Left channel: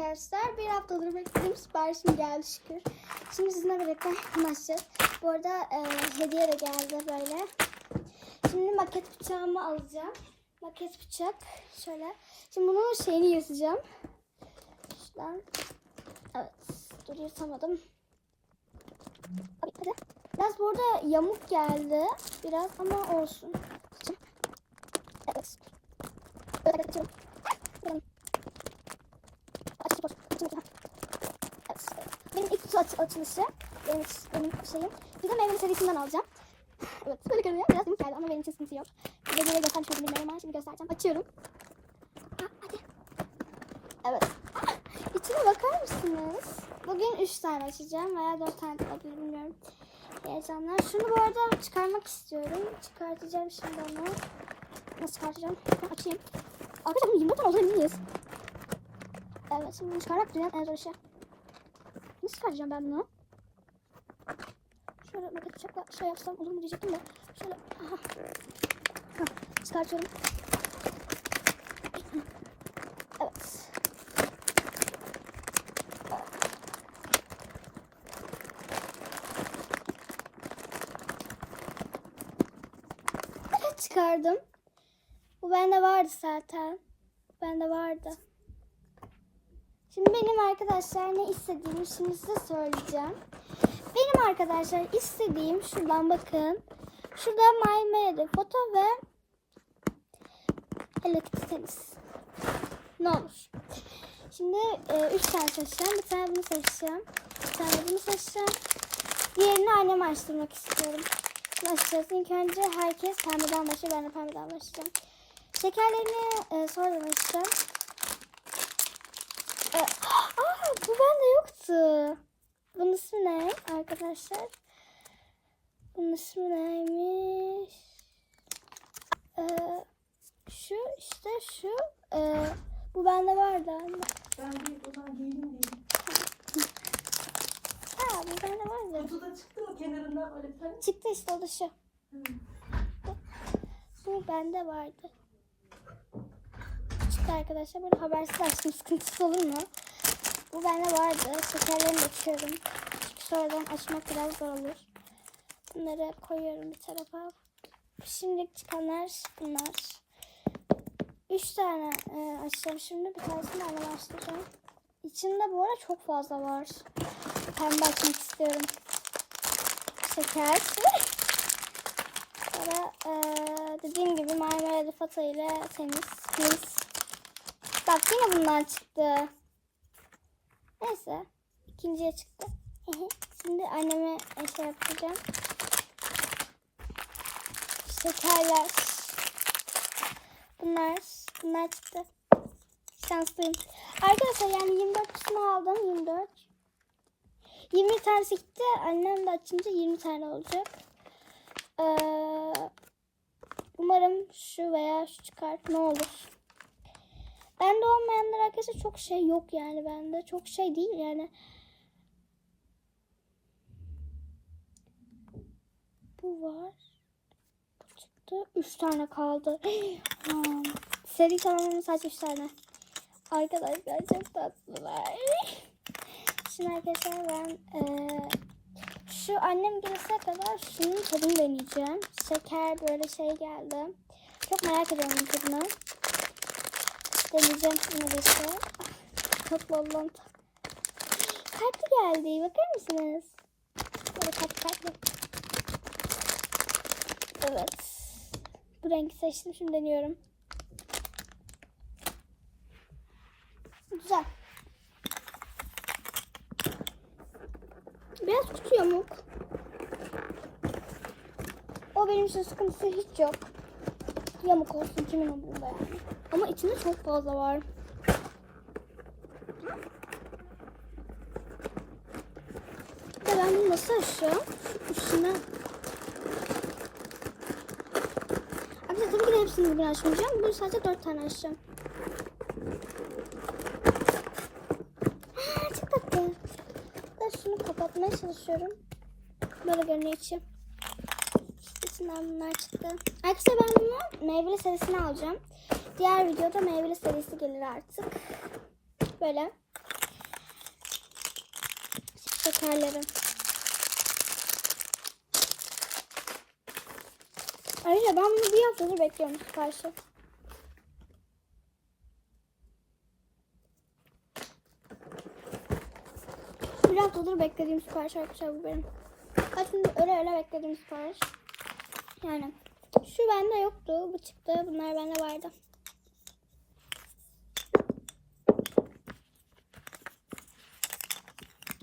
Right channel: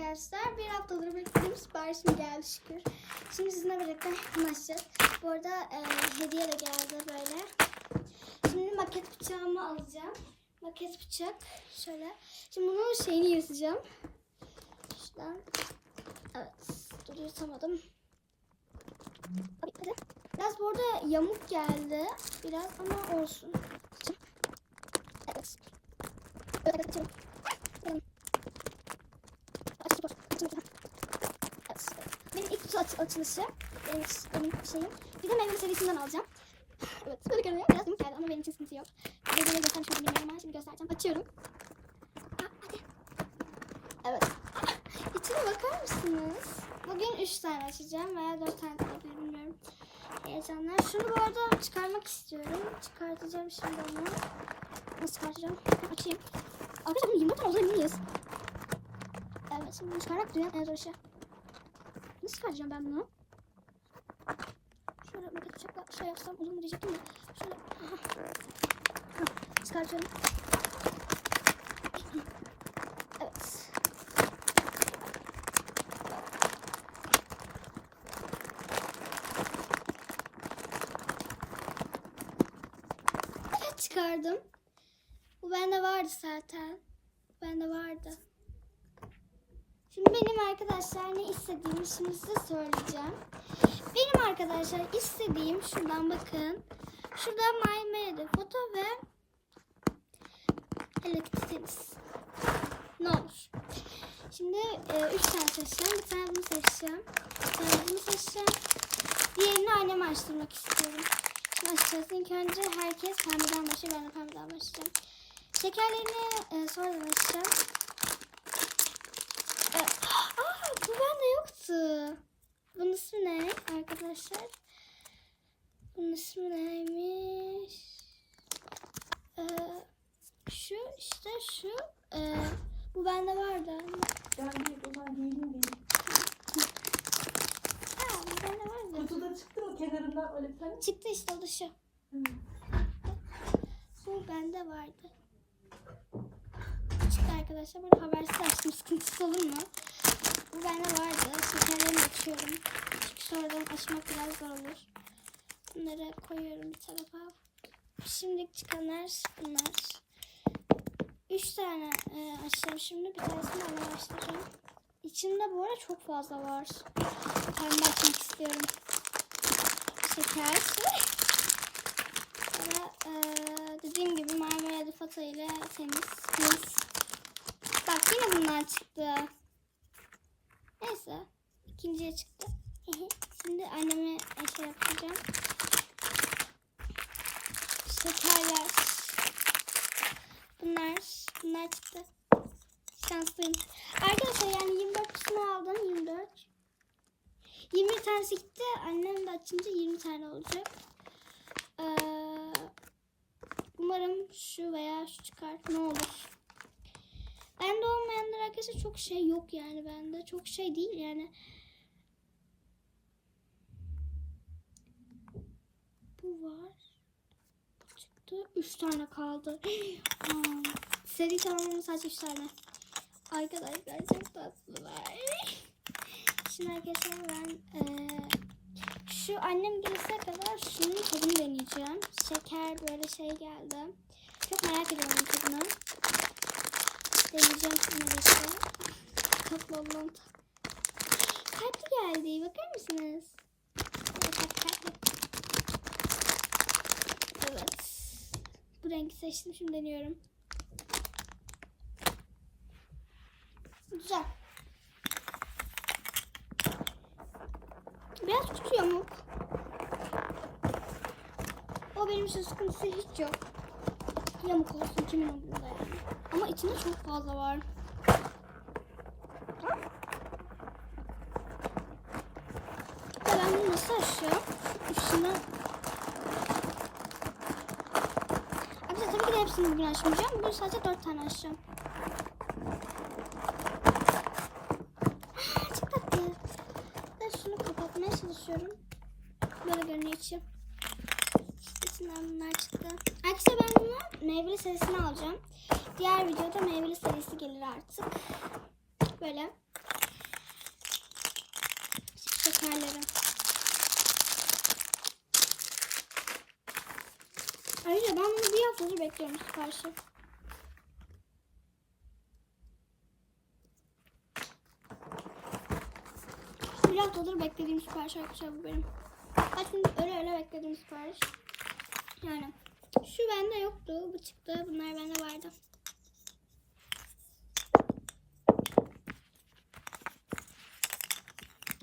arkadaşlar. Bir haftadır beklediğim siparişim geldi şükür. Şimdi sizinle birlikte açacağız. Bu arada e, hediye de geldi böyle. Şimdi maket bıçağımı alacağım. Maket bıçak. Şöyle. Şimdi bunun şeyini yazacağım. Şuradan. Evet. Dur yırtamadım. Abi, hadi. Biraz bu arada yamuk geldi. Biraz ama olsun. Evet. Evet, açıyorum. Benim. Açıyorum. Açıyorum. Evet. Benim ilk kutu aç açılışı. Benim, benim şeyim. Bir de meyve serisinden alacağım. Evet. Böyle görünüyor. Biraz yamuk geldi ama benim için sıkıntı yok. Size böyle göstermiş oldum bilmiyorum ama şimdi göstereceğim. Açıyorum. Ha, hadi. Evet. İçine bakar mısınız? Bugün 3 tane açacağım veya 4 tane olabilir bilmiyorum. Heyecanlar. Şunu bu arada çıkarmak istiyorum. Çıkartacağım şimdi onu. Nasıl çıkartacağım? Açayım. Arkadaşlar bunu 24 tane olduğunu. Evet şimdi bunu çıkarmak dünyanın en zor işi. Nasıl çıkartacağım ben bunu? Şöyle maket bıçakla şey yapsam olur mu diyecektim de. Şöyle. Aha. Hah, çıkartıyorum. Evet. Evet çıkardım. Bu bende vardı zaten. Bende vardı. Şimdi benim arkadaşlar ne istediğimi şimdi size söyleyeceğim. Benim arkadaşlar istediğim şuradan bakın. Şurada My Mary foto ve tenis. Ne olur. Şimdi e, üç tane seçeceğim. Bir tane bunu seçeceğim. Bir tane bunu seçeceğim. Diğerini anneme açtırmak istiyorum. Şimdi açacağız. İlk önce herkes pembeden başlıyor. Ben de pembeden başlayacağım. Şekerlerini e, sonradan açacağım. E, aa, bu bende yoktu. Bunun ismi ne arkadaşlar? Bunun ismi neymiş? Ee, şu işte şu. Ee, bu bende vardı ama. Ben buradan giyeyim diye. Ha bu bende vardı. Kutuda çıktı mı kenarından öyle bir tane? Çıktı işte o da şu. Hı. Bu bende vardı. Çıktı arkadaşlar. Burada habersiz açtım. Sıkıntısı olur mu? Bu bende vardı. Şekerlerimi döküyorum. Çünkü sonradan açmak biraz zor olur. Bunları koyuyorum bir tarafa. Şimdilik çıkanlar bunlar. Üç tane e, açacağım şimdi. Bir tanesini anneme açtıracağım. İçinde bu arada çok fazla var. Pembe açmak istiyorum. Şeker. Sonra eee, dediğim gibi marmara foto ile temiz. Bak yine bunlar çıktı. Neyse. ikinciye çıktı. Şimdi anneme şey yapacağım. Şekerler. Bunlar. Bunlar çıktı. Şanslıyım. Arkadaşlar yani 24 kısmı aldım. 24. 20 tanesi gitti. Annem de açınca 20 tane olacak. Ee, umarım şu veya şu çıkar. Ne olur. Bende olmayanlar arkadaşlar çok şey yok yani bende. Çok şey değil yani. Bu var. Çıktı. Üç tane kaldı. Seri kalanların sadece üç tane. Arkadaşlar çok tatlılar. Şimdi arkadaşlar ben eee şu annem gelene kadar şunun tadını deneyeceğim. Şeker böyle şey geldi. Çok merak ediyorum tadını. Deneyeceğim işte. Çok bol bol. Kalpli geldi. Bakar mısınız? Böyle kalpli kalpli. Evet. Bu rengi seçtim. Şimdi deniyorum. Güzel. Biraz kutu yamuk. O benim için sıkıntısı hiç yok. Yamuk olsun kimin umurunda yani. Ama içinde çok fazla var. De ben bunu nasıl açacağım? Üstüne... Arkadaşlar tabii ki de hepsini bugün açmayacağım. Bugün sadece 4 tane açacağım. Aa, çok tatlı. Ben şunu kapatmaya çalışıyorum. Böyle görünmek için. Bunlar çıktı. Arkadaşlar ben bunu meyveli serisini alacağım. Diğer videoda meyveli serisi gelir artık. Böyle. Şekerleri. Ayrıca ben bunu bir haftadır bekliyorum siparişi. Bir haftadır beklediğim sipariş arkadaşlar bu benim. Kaç gündür öyle öyle beklediğim sipariş. Yani şu bende yoktu. Bu çıktı. Bunlar bende vardı.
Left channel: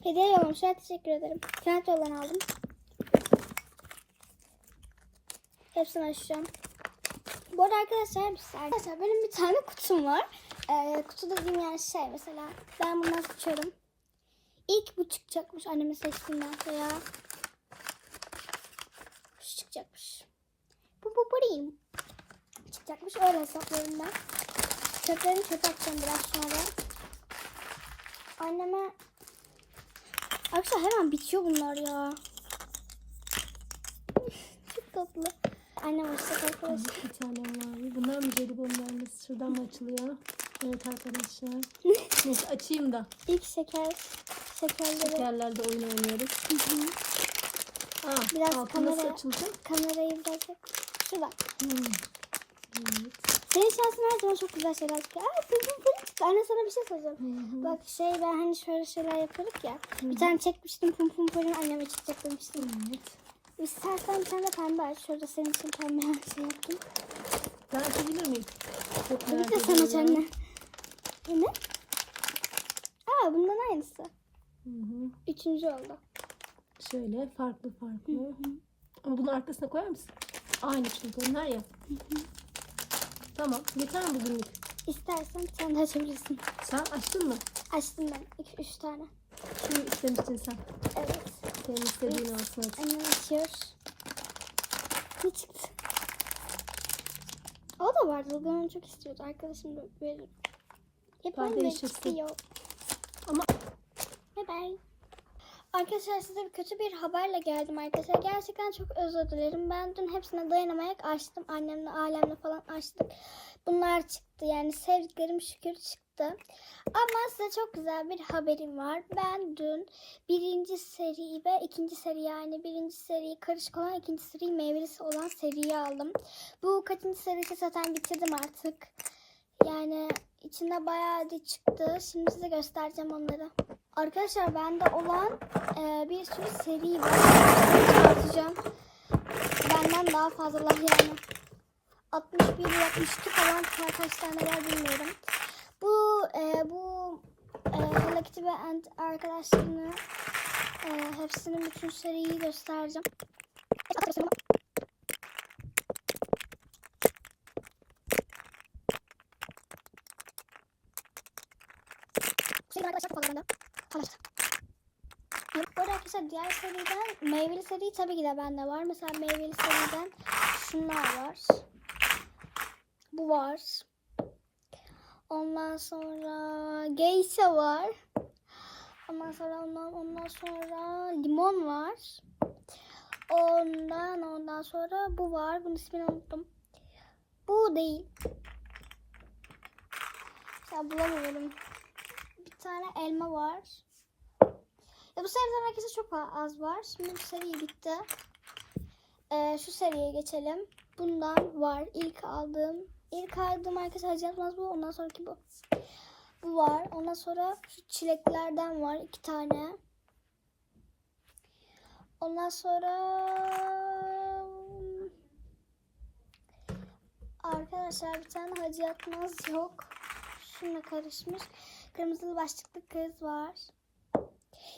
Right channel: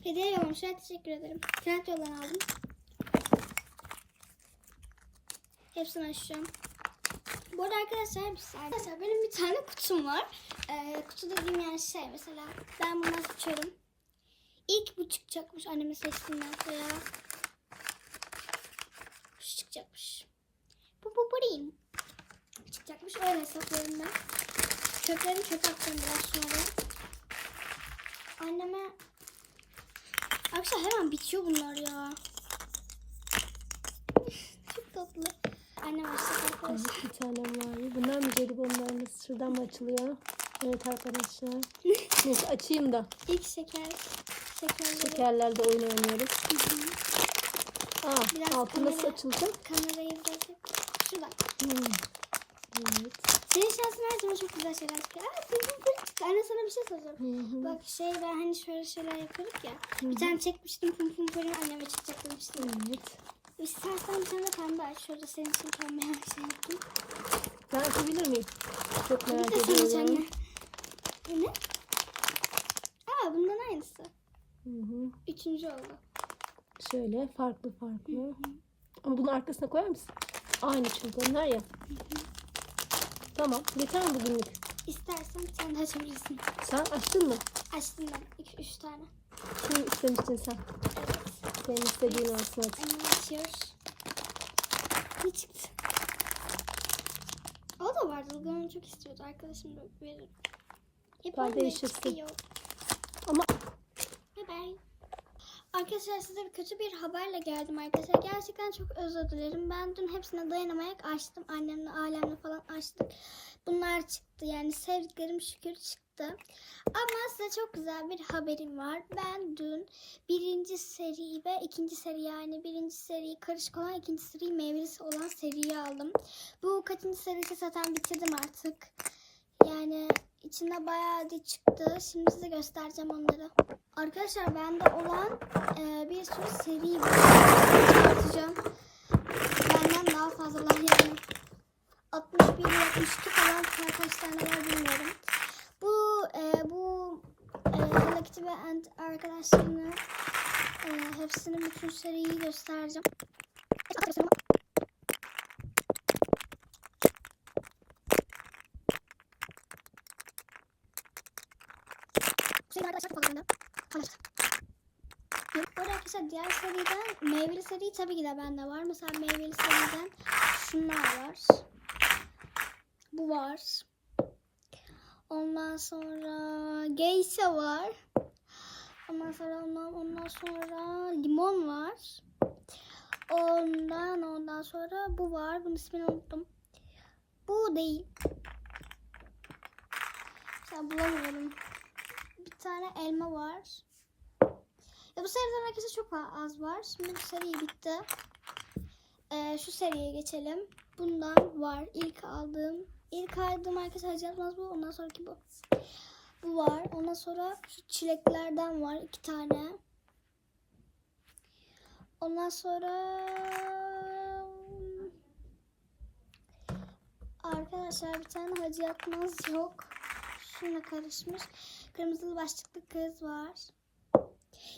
Hediye yollamışlar. Teşekkür ederim. Kent yoldan aldım. Hepsini açacağım. Bu arada arkadaşlar Arkadaşlar benim bir tane kutum var. Ee, kutu dediğim yani şey mesela ben bunu açıyorum. İlk bu çıkacakmış anneme seçtiğimden şu çıkacakmış. Bu bu burayım. Çıkacakmış öyle hesaplıyorum ben. Çöplerini çöpe atacağım biraz sonra. Anneme Arkadaşlar hemen bitiyor bunlar ya. Çok tatlı. Annem açacak arkadaşlar. Bir tane var. Bunlar mı jelibonlar? Şuradan mı açılıyor? Evet arkadaşlar. Neyse açayım da. İlk şeker şekerleri. Şekerlerde oyun oynuyoruz. Hı hı. Aa, Biraz altı nasıl kamera- açılacak? Kamerayı bırakıp şuradan. Hmm. Evet. Senin şansın her zaman çok güzel şeyler çıkıyor. Aa, pum pum. Anne sana bir şey soracağım. Hı hı. Bak şey ben hani şöyle şeyler yapıyorduk ya. Bir tane çekmiştim pum pum pum anneme çıkacak demiştim. Evet. İstersen bir tane de pembe aç. Şurada senin için pembe şey yaptım. Ben açabilir miyim? Çok Bir merak de sen aç ediyorum. anne. Bu ne? Aa bundan aynısı. Hı hı. Üçüncü oldu. Şöyle farklı farklı. Ama bunu arkasına koyar mısın? Aynı çünkü onlar ya. Tamam. Yeter mi bugünlük? İstersen tane de açabilirsin. Sen açtın mı? Açtım ben. İki, üç tane. Şunu istemiştin sen. Evet. Senin istediğin olsun hadi. Annem açıyor. Ne çıktı? O da vardı. Onu çok istiyordu. Arkadaşım da verir. Hep Ben değiştirsin. Ama Bye bye. Arkadaşlar size kötü bir haberle geldim arkadaşlar. Gerçekten çok özür dilerim. Ben dün hepsine dayanamayarak açtım. Annemle, ailemle falan açtık. Bunlar çıktı. Yani sevdiklerim şükür çıktı. Ama size çok güzel bir haberim var. Ben dün birinci seri ve ikinci seri yani birinci seri karışık olan ikinci seri meyvelisi olan seriyi aldım. Bu kaçıncı serisi zaten bitirdim artık. Yani içinde bayağı adet çıktı. Şimdi size göstereceğim onları. Arkadaşlar bende olan e, bir sürü seri var. Atacağım. Benden daha fazlalar yani. 61 62 falan kaç tane var bilmiyorum. Bu e, bu e, Hello ve Ant arkadaşlarını e, hepsinin bütün seriyi göstereceğim. Şey arkadaşlar çok fazla bende. Arkadaşlar. Yok, Bu arkadaşlar diğer seriden meyveli seri tabii ki de bende var. Mesela meyveli seriden şunlar var. Bu var. Ondan sonra geisha var. Ondan sonra ondan, ondan sonra limon var. Ondan ondan sonra bu var. Bunun ismini unuttum. Bu değil. Ya bulamıyorum. Tane elma var. Ya bu seriden arkadaşlar çok az var. Şimdi bu seri bitti. Ee, şu seriye geçelim. Bundan var. İlk aldığım. İlk aldığım arkadaşlar Hacı bu. Ondan sonraki bu. Bu var. Ondan sonra şu çileklerden var. iki tane. Ondan sonra arkadaşlar bir tane Hacı Yatmaz yok. Şununla karışmış. Kırmızılı başlıklı kız var.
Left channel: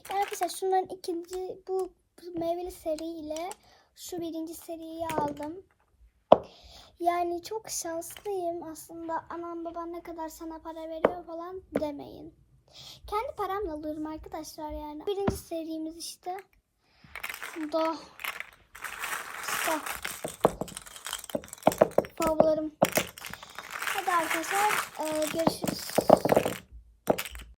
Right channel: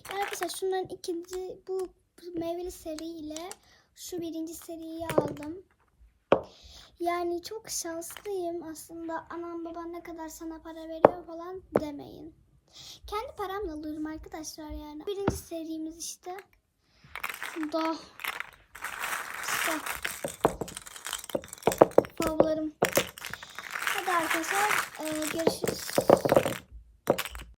Yani arkadaşlar şunların ikinci bu meyveli seri ile şu birinci seriyi aldım. Yani çok şanslıyım aslında. Anam baban ne kadar sana para veriyor falan demeyin. Kendi paramla alıyorum arkadaşlar yani. Birinci serimiz işte. Da. İşte. Favlarım. Hadi arkadaşlar e, görüşürüz.